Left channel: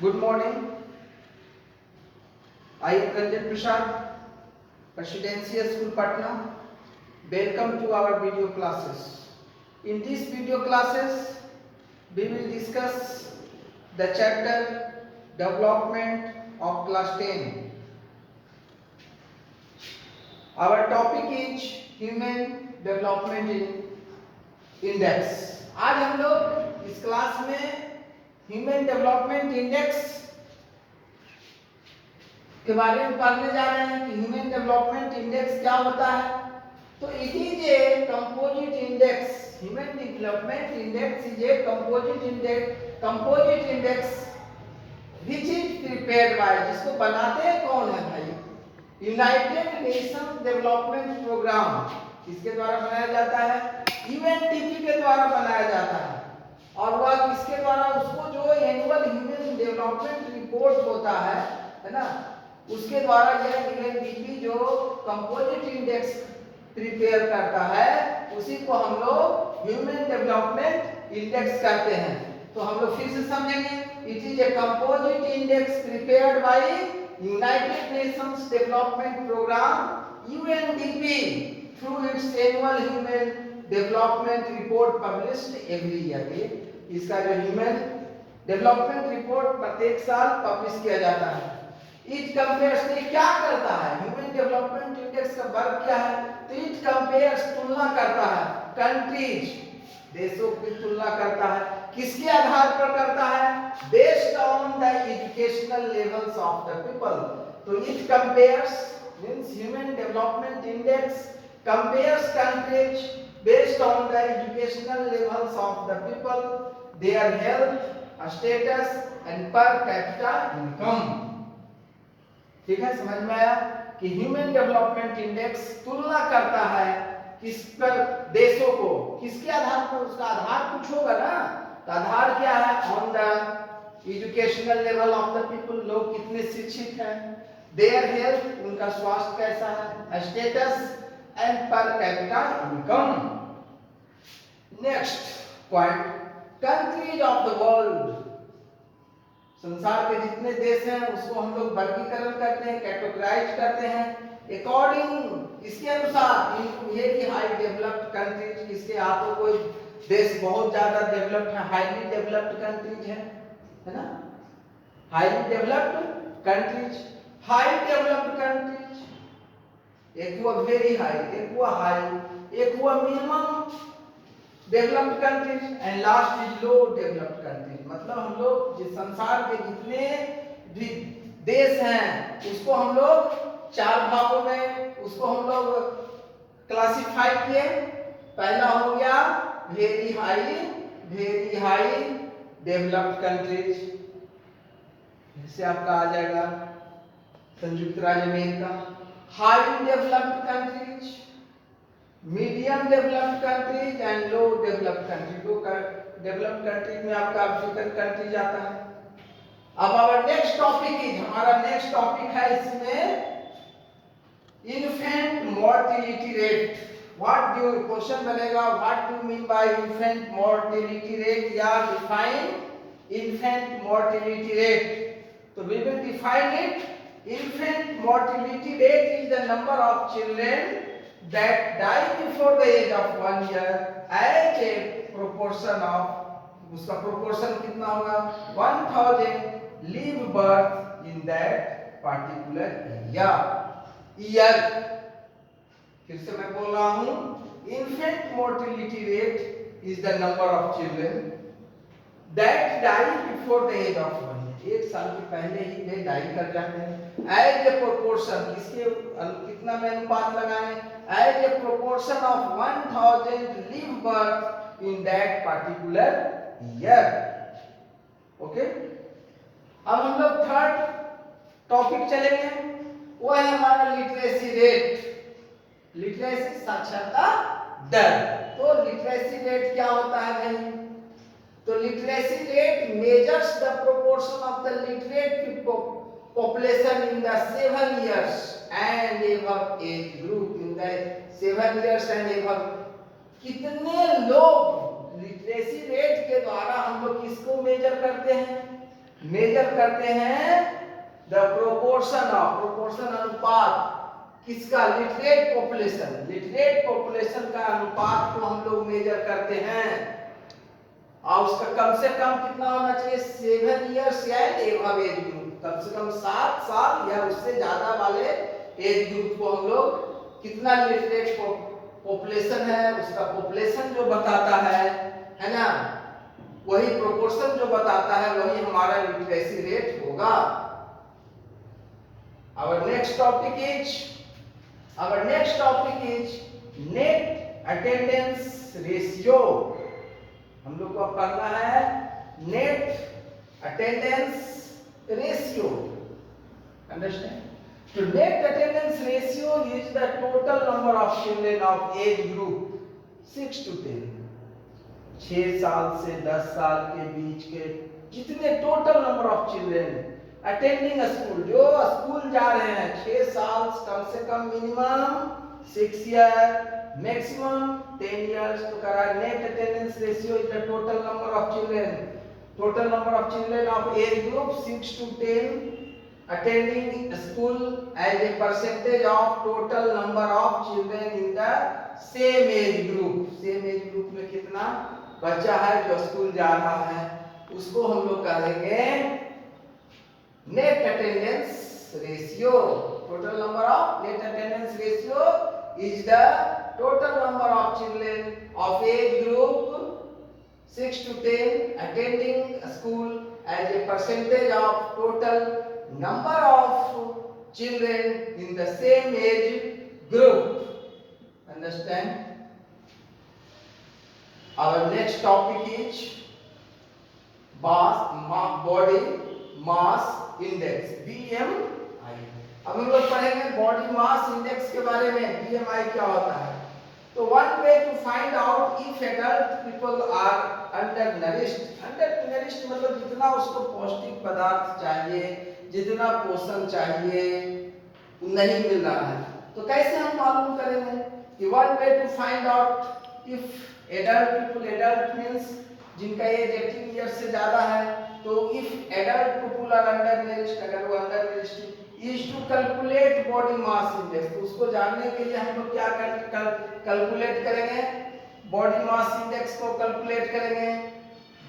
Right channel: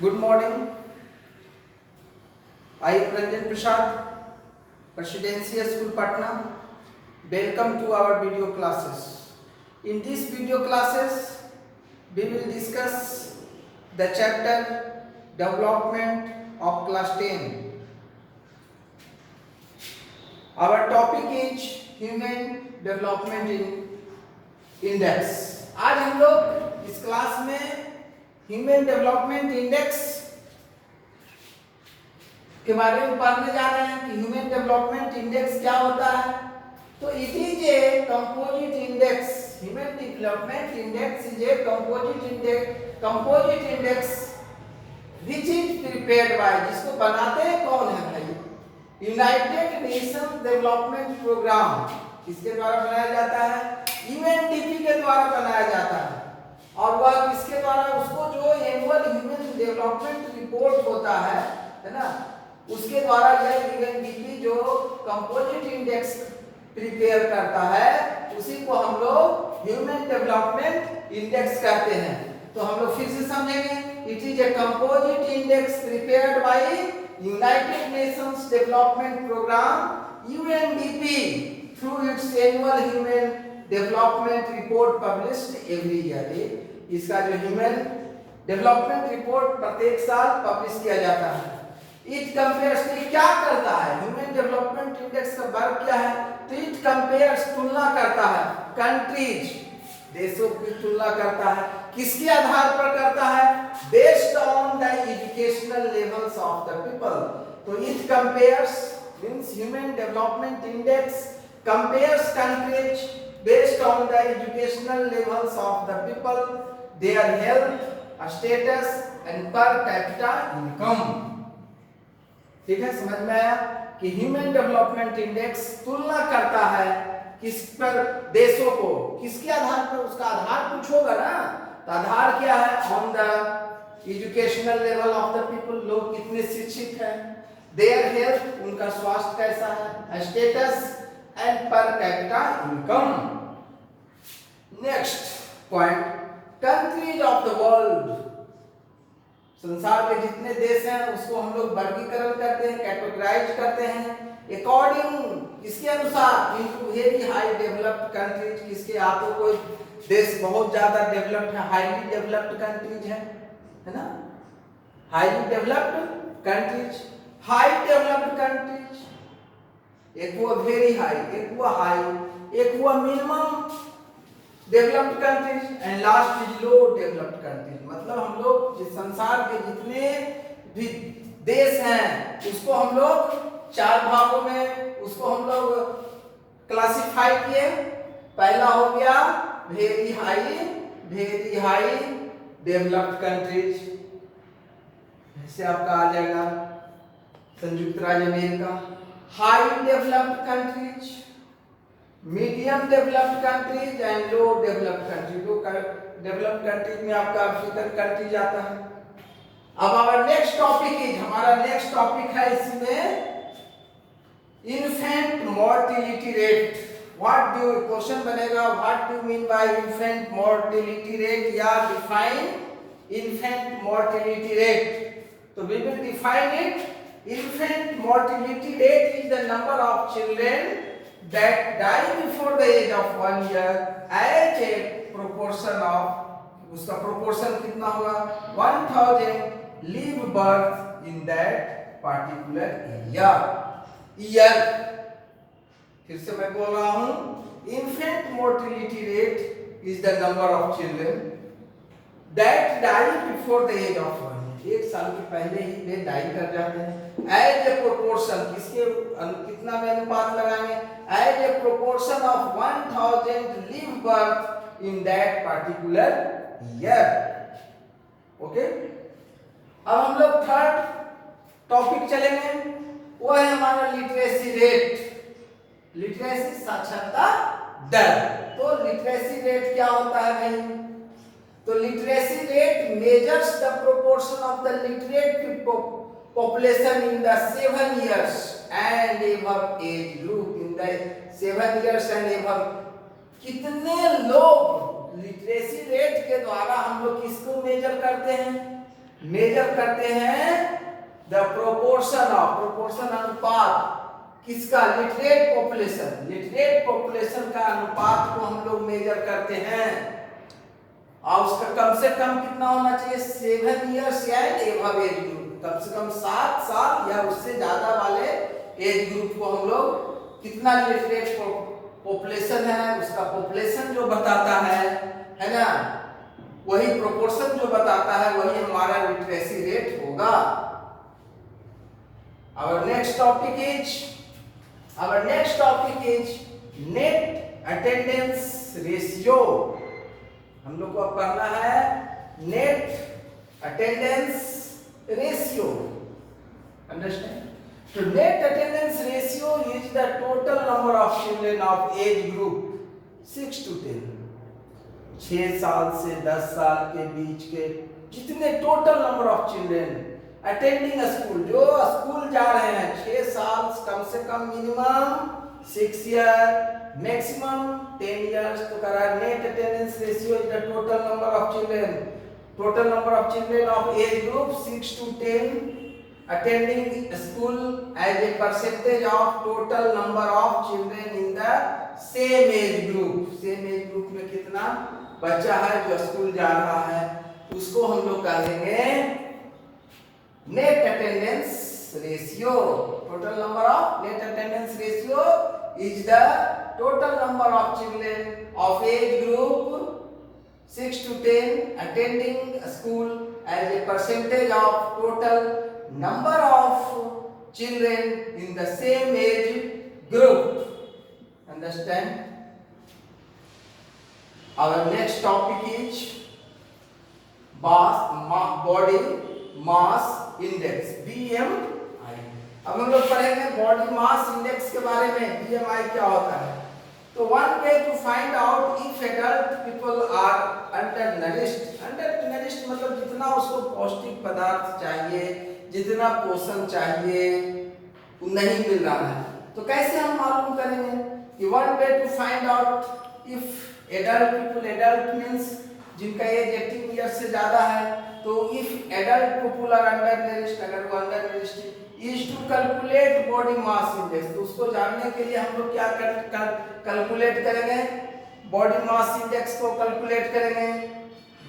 Good morning. I am Ranjan Prasad, Presidential School Patna. Welcome to our video classes. In these video classes, we will discuss the chapter Development of Class 10. Our topic is Human Development Index. आज हम लोग इस class में human development index के बारे में पढ़ने जा रहे हैं कि ह्यूमन डेवलपमेंट इंडेक्स क्या होता है। तो it is a composite index. Human development index is a composite index which is prepared by, जिसको बनाते हैं कौन है भाई? United Nation Development Programme. किसके द्वारा बनाया जाता है? यूएनडीपी के द्वारा बनाया जाता है। और वह किसके द्वारा? उसको जो एनुअल ह्यूमन डेवलपमेंट रिपोर्ट होता है ना, उसके द्वारा यह यूएनडीपी जो कंपोजिट इंडेक्स प्रिपेयर करता है उसी को हम लोग ह्यूमन डेवलपमेंट इंडेक्स कहते हैं। तो हम लोग फिर से समझेंगे। It is a composite index prepared by United Nations Development Programme UNDP through its annual human development report published every year. इसका जो ह्यूमन डेवलपमेंट रिपोर्ट प्रत्येक साल पब्लिश किया जाता है। इट कंपेयर्स, क्या करता है ह्यूमन डेवलपमेंट इंडेक्स का वर्क क्या है? तो इट कंपेयर्स, तुलना करता है कंट्रीज, देशों की तुलना करता है। किसके आधार पर करता है? Based on the educational levels of the people. तो it compares means human development index compares countries based on the educational levels of the people, their health status and per capita income। ठीक है, समझ में आया कि human development index तुलना करता है किस पर? देशों को। किसके आधार पर? उसका आधार कुछ होगा ना, तो आधार क्या है? On the educational level of the people, लोग कितने शिक्षित हैं, देयर हेल्थ, उनका स्वास्थ्य कैसा है, status and per capita income. Next point, countries of the world. संसार के जितने देश हैं उसको हम लोग वर्गीकरण करते हैं, कैटेगराइज करते हैं अकॉर्डिंग, इसके अनुसार into very high developed countries. किसके? आपको कोई देश बहुत ज्यादा डेवलप्ड है, हाईली डेवलप्ड कंट्रीज है ना, highly developed countries, high developed countries, एक हुआ वेरी हाई, एक हुआ हाई, एक हुआ minimum developed countries and last is low developed countries. मतलब हम लोग जिस संसार के जितने भी देश हैं उसको हम लोग चार भागों में उसको हम लोग क्लासिफाई किए। पहला हो गया वेरी हाई डेवलप्ड कंट्रीज, जैसे आपका आ जाएगा संयुक्त राज्य America. High developed countries, medium developed countries and low developed countries. Low developed countries में आपका अफ्रीकन कंट्रीज आता है। अब हमारा नेक्स्ट टॉपिक इज, हमारा नेक्स्ट टॉपिक है इसमें infant mortality rate. What do, question बनेगा, what do mean by infant mortality rate या डिफाइन इन्फेंट मोर्टेलिटी रेट। तो we will define it. Infant mortality rate is the number of children that die before the age of 1 year as a proportion of, उसका proportion कितना होगा? 1000 live birth in that particular year। फिर से मैं बोल रहा हूँ, infant mortality rate is the number of children that die before the age of 1 year। एक साल के पहले ही वे डाई कर जाते हैं। एज ए प्रोपोर्शन, किसके कितना में अनुपात लगाएंगे? As a proportion of 1000 live birth in that particular year. Okay, अब हम लोग थर्ड टॉपिक चलेंगे, वो है हमारा लिटरेसी रेट, लिटरेसी साक्षरता दर। तो लिटरेसी रेट क्या होता है भाई? तो literacy rate measures the proportion of the literate population in the 7 years and above age group। in the 7 years and above, कितने लोग लिटरेसी रेट के द्वारा हम लोग किसको मेजर करते हैं? मेजर करते हैं द प्रोपोर्शन अनुपात किसका, लिटरेट पॉपुलेशन का अनुपात को हम लोग मेजर करते हैं, और उसका कम से कम कितना होना चाहिए, 7 इयर्स या एबव एज ग्रुप, कम से कम 7 साल या उससे ज्यादा वाले एज ग्रुप को हम लोग कितना लिटरेट पॉपुलेशन है, उसका पॉपुलेशन जो बताता है ना, वही प्रोपोर्शन जो बताता है वही हमारा लिटरेसी रेट होगा। Our next topic is net attendance ratio। हम लोग को अब पढ़ना है net attendance ratio। Understand? So net attendance ratio is the total number of children of age group 6 to 10, 6 साल से 10 साल के बीच के जितने total number of children attending school, जो स्कूल जा रहे हैं, 6 साल कम से कम, मिनिमम 6 ईयर, मैक्सिमम 10 इयर्स। तो कह रहा है net attendance ratio is the total number of children of age group 6 to 10 attending school as a percentage of total number of children in the same age group में कितना बच्चा है जो school जा रहा है, उसको हम लोग कहेंगे net attendance ratio. Total number of net attendance ratio is the total number of children of age group 6 to 10 attending school as a percentage of total number of children in the same age group. Understand? Our next topic is body mass index, BMI। अब हम लोग पढ़ेंगे body mass index के बारे में, BMI क्या होता है। तो one way to find out if adult people are undernourished मतलब जितना उसको पौष्टिक पदार्थ चाहिए, जितना पोषण चाहिए नहीं मिल रहा है, तो कैसे हम मालूम करेंगे कि one way to find out if adult means जिनका एज 18 ईयर्स से ज्यादा है, तो if adult people are undernourished, अगर वो undernourished is to calculate body mass index, तो उसको जानने के लिए हम लोग क्या कैलकुलेट करेंगे, बॉडी मास इंडेक्स को कैलकुलेट करेंगे,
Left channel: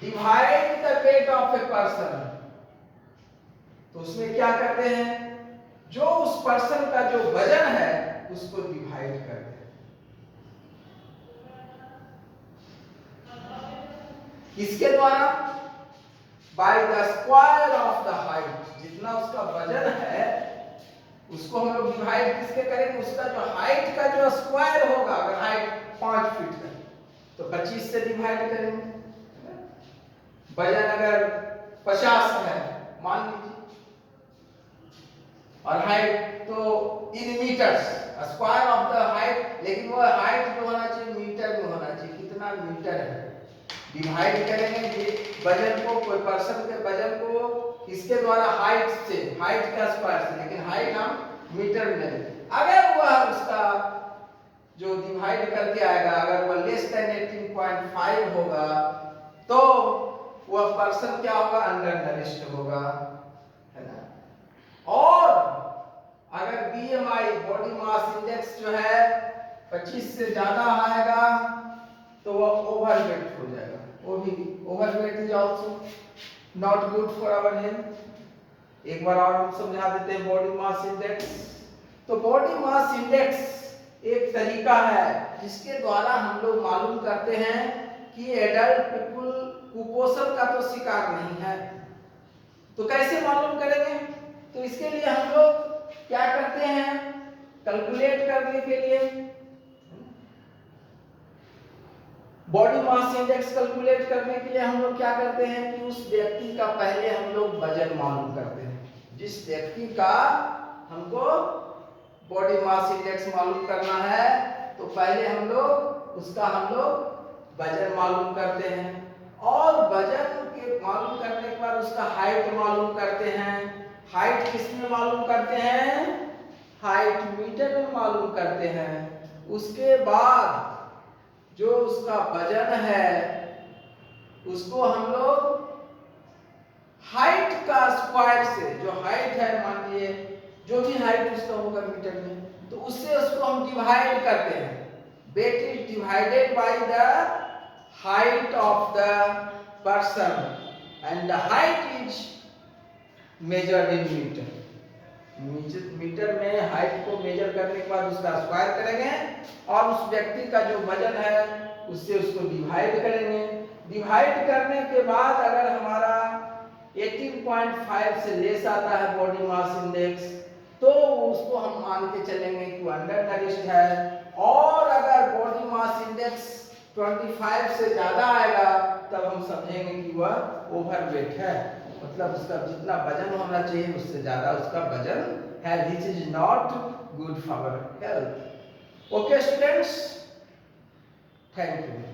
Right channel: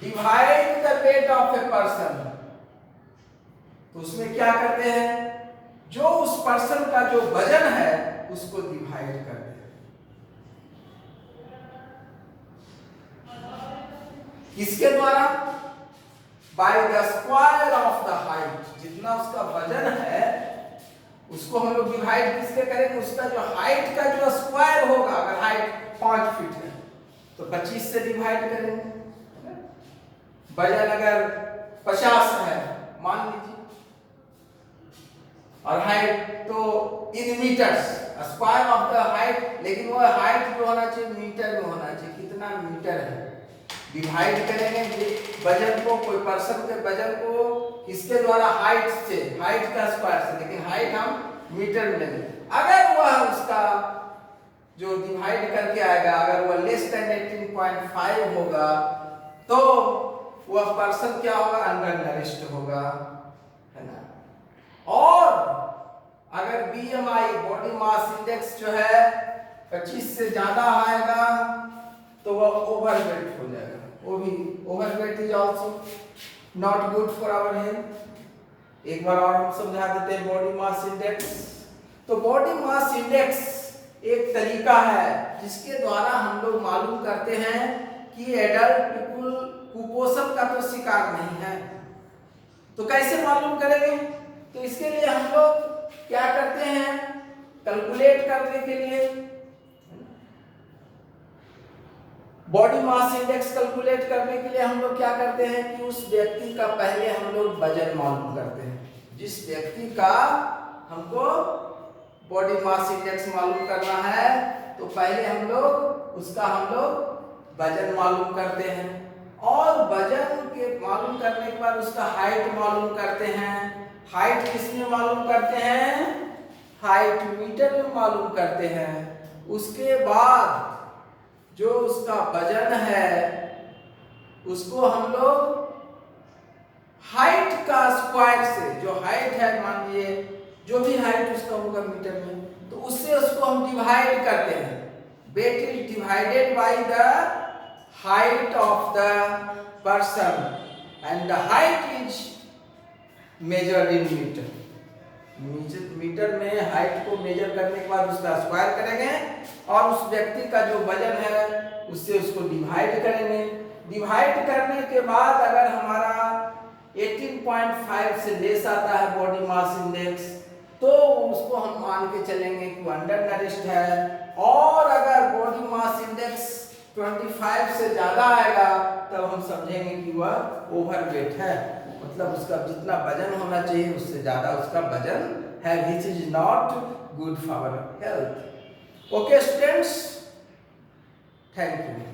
divide the weight of a person. तो उसमें क्या करते हैं, जो उस पर्सन का जो वजन है उसको डिवाइड करते हैं, किसके द्वारा, by the square of the height, जितना उसका वजन है उसको हम लोग डिवाइड किससे करेंगे, उसका जो हाइट का जो स्क्वायर होगा, अगर हाइट 5 फीट है तो 25 से डिवाइड करेंगे, वजन अगर 50 है मान लीजिए, और हाइट तो in metres, square of the height, लेकिन वो हाइट जो होना चाहिए मीटर में होना चाहिए, कितना मीटर है, डिवाइड करेंगे वजन को, कोई पर्सन के वजन को किसके द्वारा, हाइट से, हाइट का स्क्वायर से, लेकिन हाइट हम मीटर में लेंगे। अगर वह उसका जो डिवाइड करके आएगा, अगर वह लेस देन 18.5 होगा तो वह पर्सन क्या होगा, अंडरनरिश्ड होगा, है ना। और अगर बीएमआई बॉडी मास इंडेक्स जो है 25 से ज्यादा आएगा तो वह ओवरवेट हो जाएगा, वो भी overweight is also not good for our health. एक बार और हम समझा देते हैं बॉडी मास इंडेक्स। तो बॉडी मास इंडेक्स एक तरीका है जिसके द्वारा हम लोग मालूम करते हैं कि एडल्ट पीपल कुपोषण का तो शिकार नहीं है। तो कैसे मालूम करेंगे, तो इसके लिए हम लोग क्या करते हैं, कैलकुलेट करने के लिए बॉडी मास इंडेक्स कैलकुलेट करने के लिए हम लोग क्या करते हैं कि उस व्यक्ति का पहले हम लोग वजन मालूम करते हैं। जिस व्यक्ति का हमको बॉडी मास इंडेक्स मालूम करना है तो पहले हम लोग वजन मालूम करते हैं, और वजन के मालूम करने के बाद उसका हाइट मालूम करते हैं। हाइट किसमें मालूम करते हैं, हाइट मीटर में मालूम करते हैं। उसके बाद जो उसका वजन है उसको हम लोग हाइट का स्क्वायर से, जो हाइट है मान लिए जो भी हाइट उसका होगा मीटर में, तो उससे उसको हम डिवाइड करते हैं। Weight is divided by the height of the person and the height is measured in metre. Metre में हाइट को मेजर करने के बाद उसका स्क्वायर करेंगे और उस व्यक्ति का जो वजन है उससे उसको डिवाइड करेंगे। डिवाइड करने के बाद अगर हमारा 18.5 से लेस आता है बॉडी मास इंडेक्स, तो उसको हम मान के चलेंगे कि वो अंडर नरिश्ड है। और अगर बॉडी मास इंडेक्स 25 से ज्यादा आएगा तब हम समझेंगे कि वह ओवरवेट है, मतलब उसका जितना वजन होना चाहिए उससे ज्यादा उसका वजन है, which is not good for health. Okay students, thank you.